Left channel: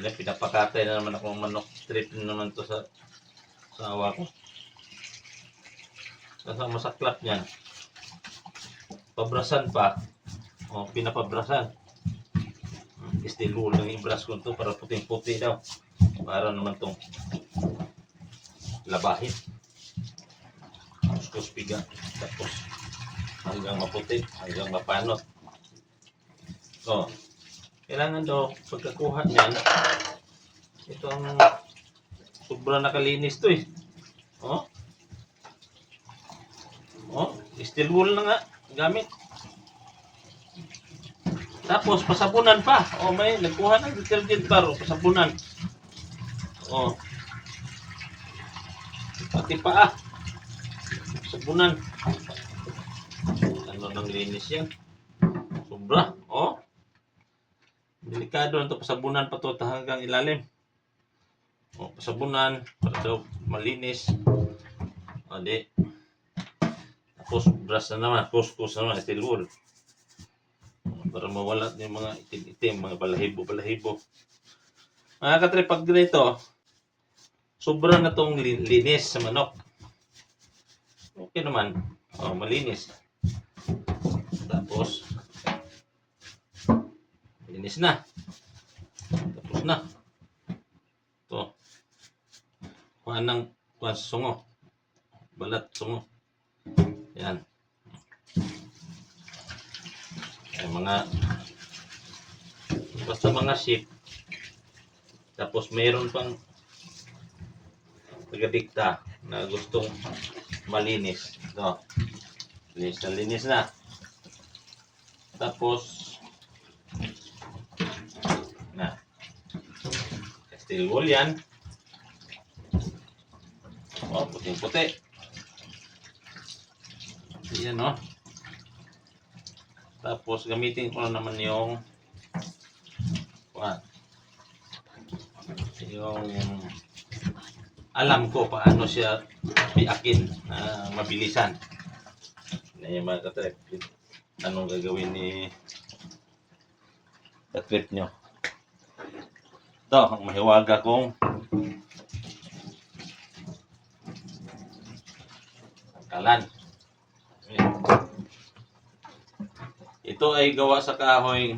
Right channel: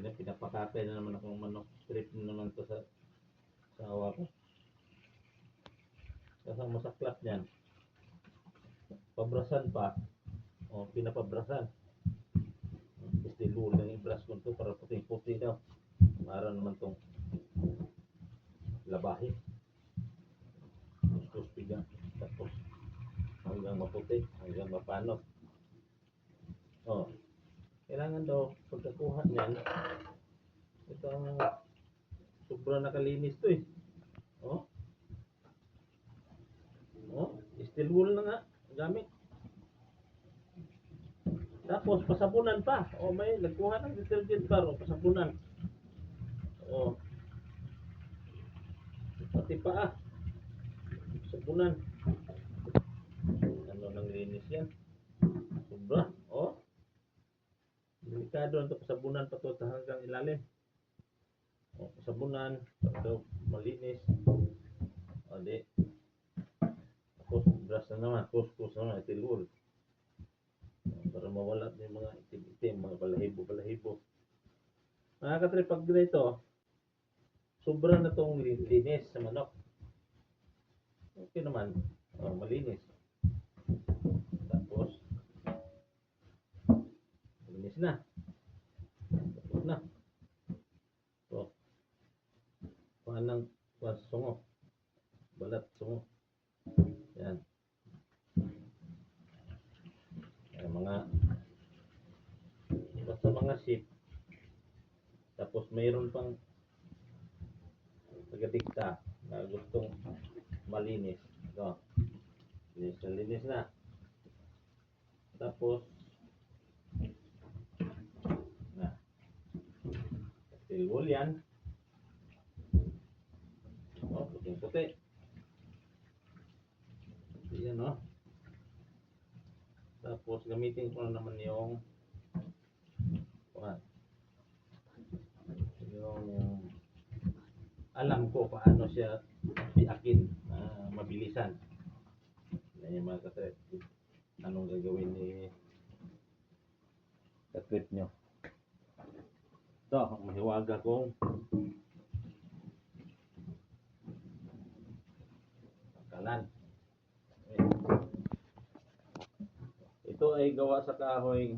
Pinapakatay na naman akong manok. Trip na naman to sa awa ko. Kasama masaklap niyan. Pabrasan pa. O, pinapabrasan. Steel wool lang yung brush ko to para puting-puti daw. Para naman tong labahin. Kuskus piga. Tapos hanggang maputi, hanggang mapanot. So, kailangan daw pagkakuha niyan. Ito ang sobrang nakalinis to eh. Oh. Oh, steel wool na nga gamit. Tapos pasabunan pa. Oh, may nagkuha ng detergent bar, pasabunan. Oh. Pati paa. Pasabunan. Ano nang linis yan? Sobra. Oh. Delikado na to, pasabunan pa to hanggang ilalim. Oh, pasabunan para daw malinis. O di. Tapos brush na naman, kuskus na naman, steel wool. Para mawala yung mga itim-itim, mga balahibo-balahibo. Mga katrip, pag ganito, sobra na tong linis sa manok. Okay naman. Oh, malinis. Tapos, linis na. Tapos na. Ito. Kuhaan sa sungo. Balat sungo. Yan. Ay, basta mga sheep. Tapos mayroon pang taga-dikta na gustong malinis. No. Linis na. Tapos na. Steel wool yan. Oh, puting-puti. Yan, no. Tapos gamitin ko na naman yung alam ko paano siya piakin na mabilisan. Na yung mga katrip. Anong gagawin ni katrip nyo. Ito, ang mahiwaga kong kalan. Ito ay gawa sa kahoy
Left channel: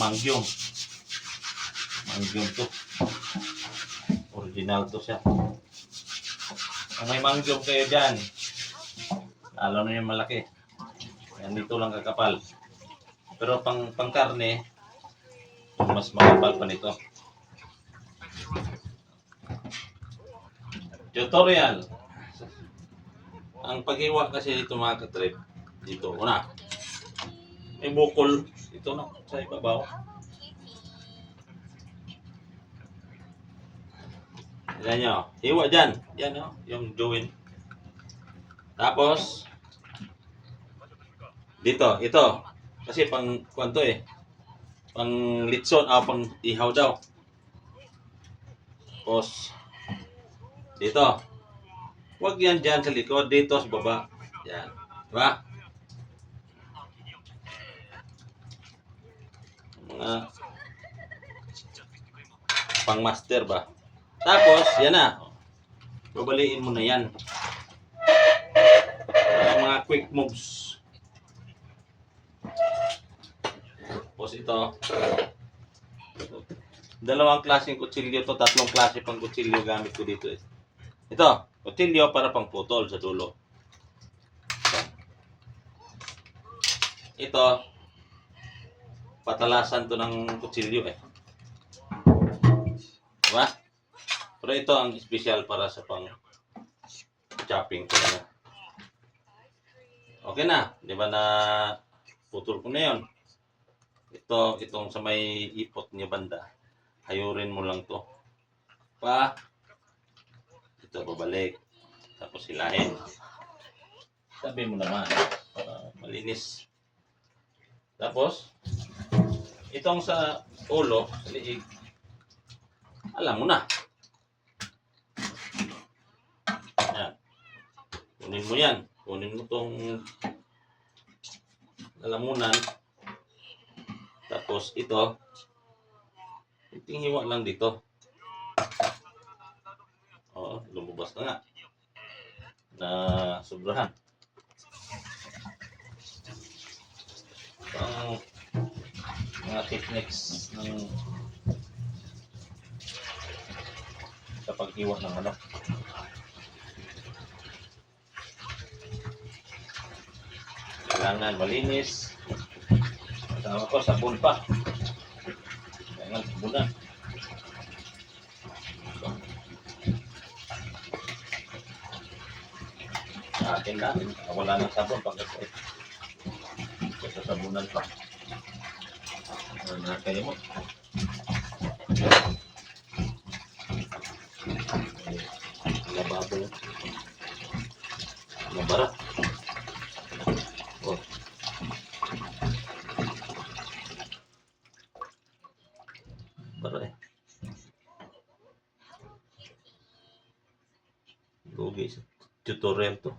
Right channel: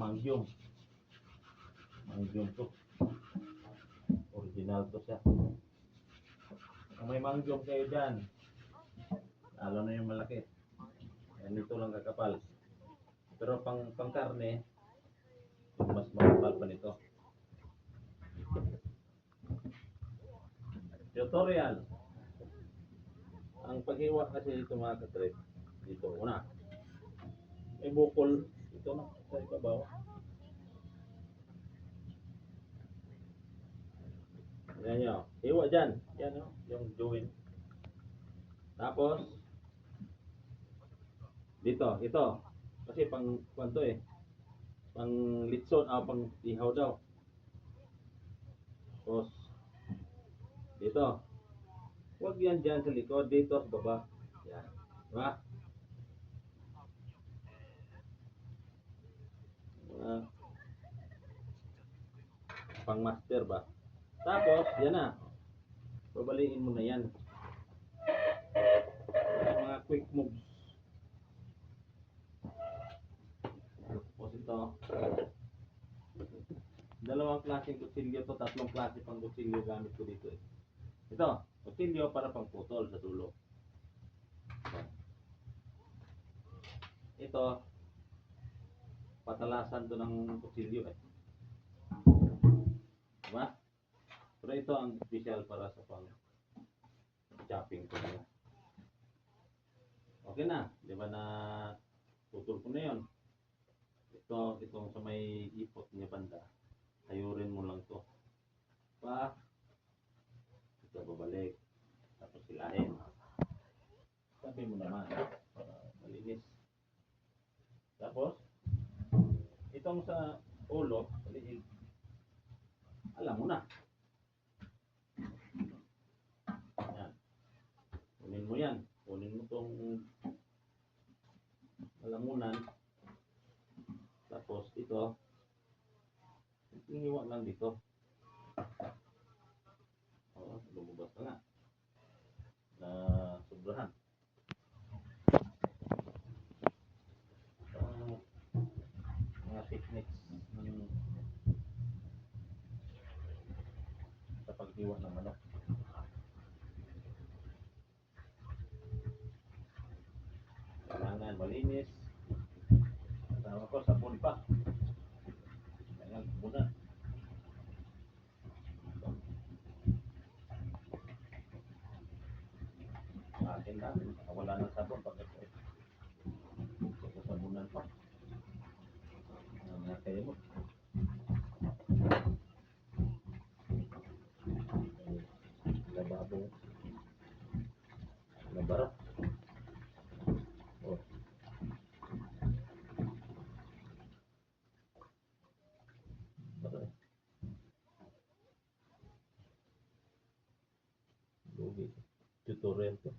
mangyong. Mangyong to. Original to siya. Kung may mangyong kayo dyan, lalo na yung malaki. Yan dito lang kakapal. Pero pang karne, mas makapal pa nito. Tutorial. Ang paghiwa kasi dito mga katrip, dito una. May bukol ito na sa ibabaw. Yan nyo. Hiwa dyan. Yan o. Yung joint. Tapos dito. Ito. Kasi pang kwanto eh. Pang litson. Pang ihaw daw. Tapos dito. Huwag yan dyan sa likod. Dito sa baba. Yan. Diba? Pang master ba? Tapos, yan na. Babaliin mo na yan. Mga quick moves. Tapos ito. Dalawang klaseng kutsilyo to. Tatlong klase pang kutsilyo gamit ko dito. Ito. Kutsilyo para pang putol sa dulo. Ito. Patalasan to ng kutsilyo eh. Diba? Pero ito ang special para sa pang chopping ko na. Okay na. Diba na putol ko na yun. Itong sa may ipot niya banda. Hayurin mo lang to. Ito babalik. Tapos hilahin. Sabi mo naman. Malinis. Tapos itong sa ulo, sa liig, alam mo na. Yan. Kunin mo yan. Kunin mo itong lalamunan. Tapos ito, Kunting hiwa lang dito. Oo, lumabas na nga. Na sobrahan. Ang mga techniques ng sa paghiwa ng manok. Kailangan malinis. Kasama ko, sabon pa. Kailangan sabunan. Sa akin na, wala nang sabon pag sa sabunan pa. Ano na kayo mo? Lababo yun. Mabara. Oh. Bara eh. Lugi sa tutorial to.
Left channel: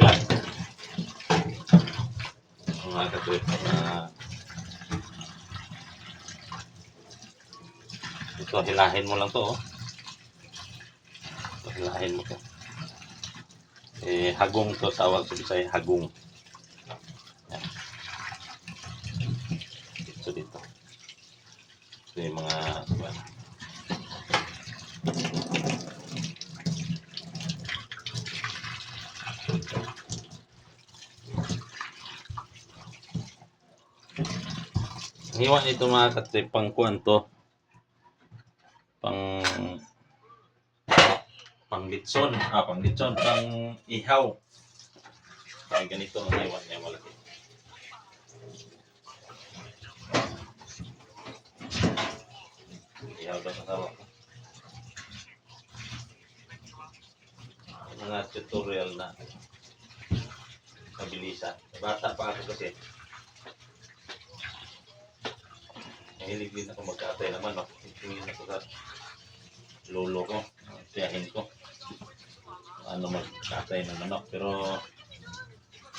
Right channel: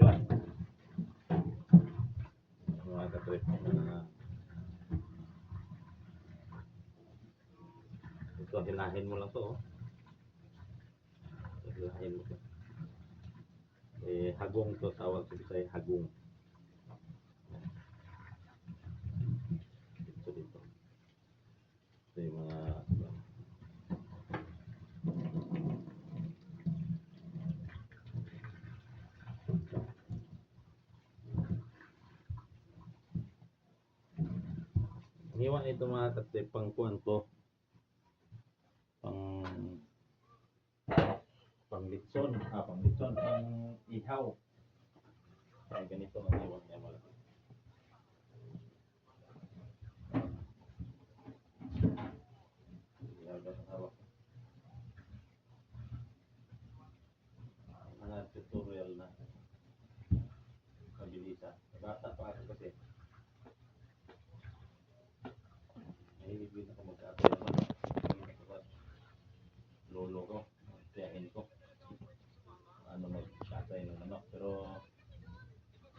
Yan. Mga katwit na ito, hilahin mo lang to. Oh. Hilahin mo to. Hagong to, tawag sa Bisaya, hagong. Yan. So dito. Ito yung mga hiwa nito mga katrip, pang kuwan to, pang litson, pang litson, pang ihaw. Pang ganito ang hiwa niya malaki. Ihaw daw sa tawag. Mga tutorial na kabilisan. Bata pa ako kasi. Mahilig din ako magkatay naman, no? Mahilig ako sa lolo ko, tiyahin ko. Ano magkatay ng manok, pero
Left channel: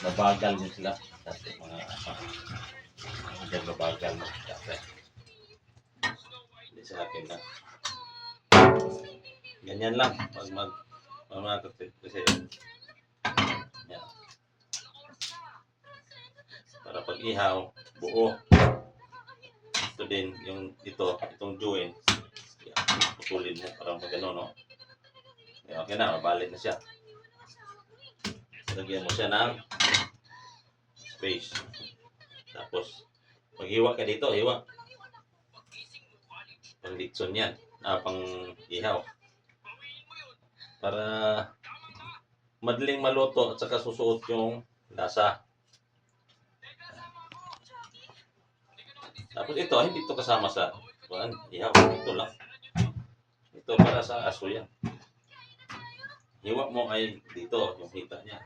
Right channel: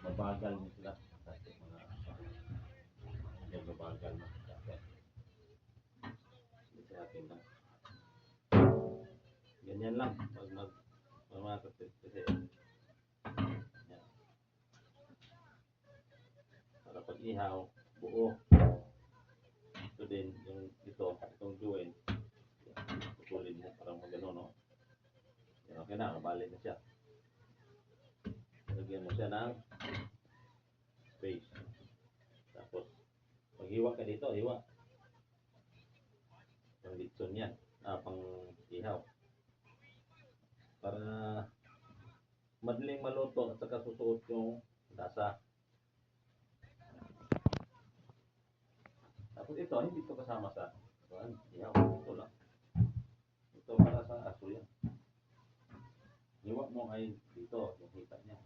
mabagal din sila. Kasi mga mabagal magkatay. Hindi sa akin na. Ganyan lang, pag magkatay kasi yan. Para pag ihaw, buo. Ito din, itong joint, putulin mo para magano, no? Okay na, mabalik na siya. Lagyan mo siya ng space. Tapos, maghiwa ka dito, hiwa. Pang litson yan, pang ihaw. Para madaling maluto at saka susuot yung lasa. Tapos ito, hindi ito kasama sa ihaw. Ito lang. Ito para sa aso yan. Hiwa mo ay dito, yung hita niya.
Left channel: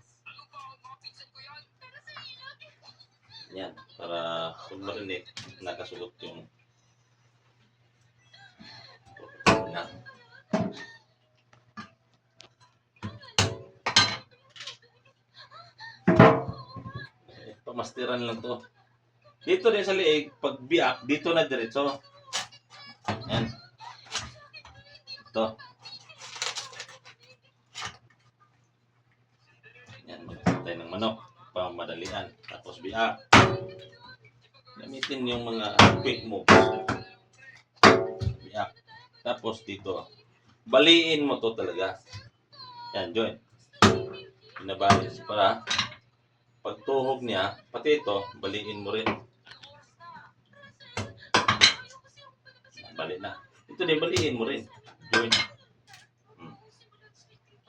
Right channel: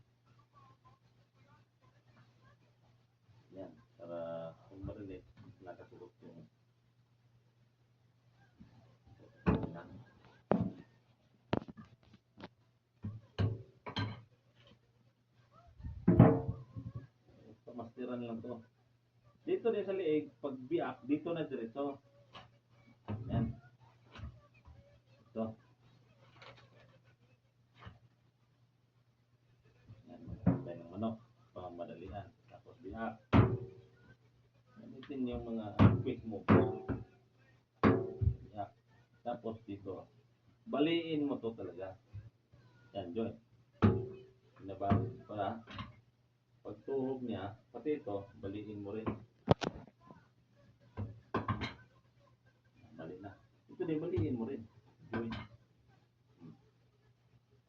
Yan, para kung marinig, nakasuot yung na. Pamastiran lang to. Dito din sa liig, pag biak, dito na diretso. Yan. Ito. Yan, magkatay ng manok. Pamadalian. Tapos biak. Gamitin yung mga quick moves. Biak. Tapos dito. Baliin mo to talaga. Yan, join. Pinabalis para pagtuhog niya, pati ito, baliin mo rin. Bali na. Ito din, baliin mo rin. Join.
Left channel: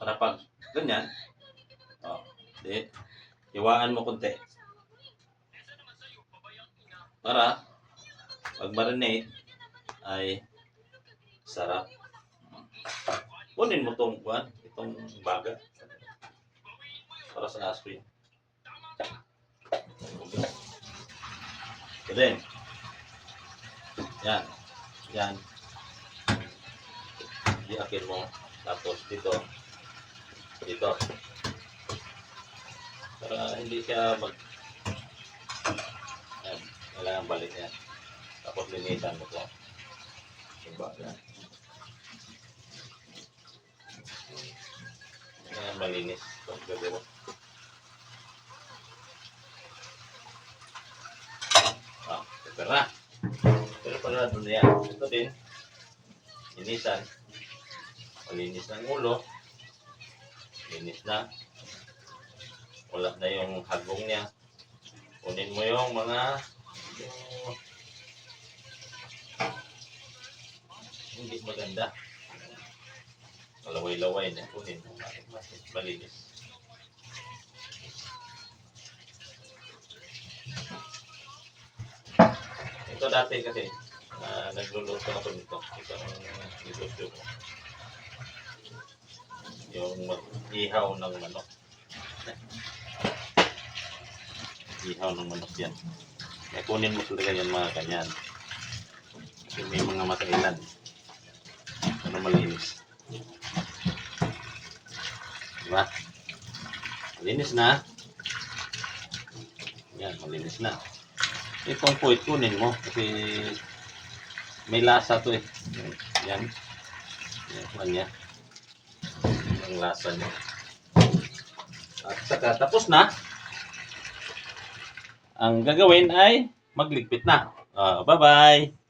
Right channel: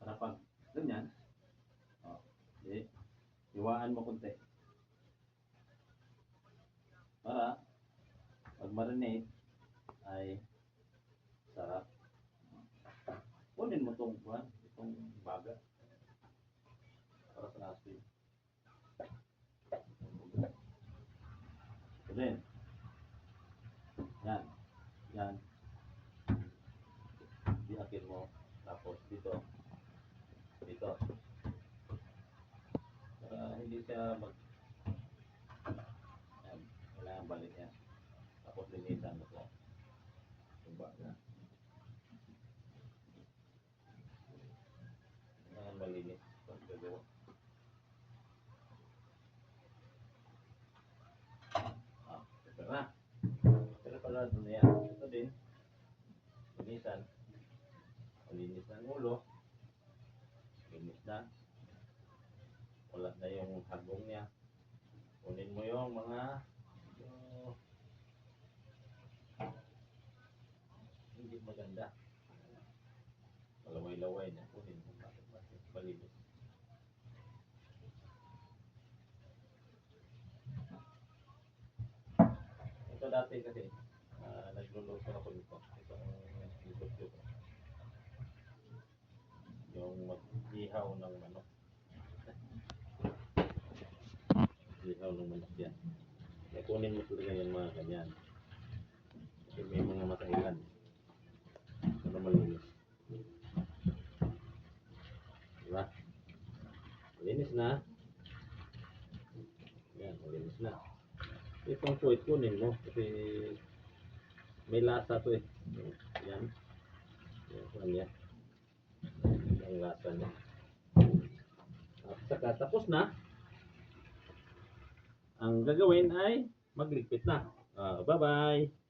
Para pag ganyan, hiwaan mo konti. Para pag marinate ay sarap. Kunin mo itong baga. Para sa aso yun. Then, yan. Iyakin mo. Tapos dito. Dito. Para hindi siya Ayan. Kailangan balik yan. Tapos linisan mo ito. Diba? Ayan, malinis. Pero pera. Pero para doon na yan. Ito din. Linisan. Malinis ng ulo. Linis na. Wala na yung hagong niya. Kunin mo yung mga hindi maganda. Laway-laway na. Kunin mo. Malinis. Ito dati kasi nagluluto ako nito. Ito ang negosyo ko. Yung ihaw ng manok. Ihaw ng manok yan. Kaya kunin mo talaga yan mga ganyan. Kasi may mga matailan. Ano malinis. Diba? Malinis na. Yan, malinis na. Itong puwit kunin mo kasi may lasa to eh. Yan. Yan niya. Ang lasa niya. At saka tapos na. Ang gagawin ay magligpit na. Bye-bye!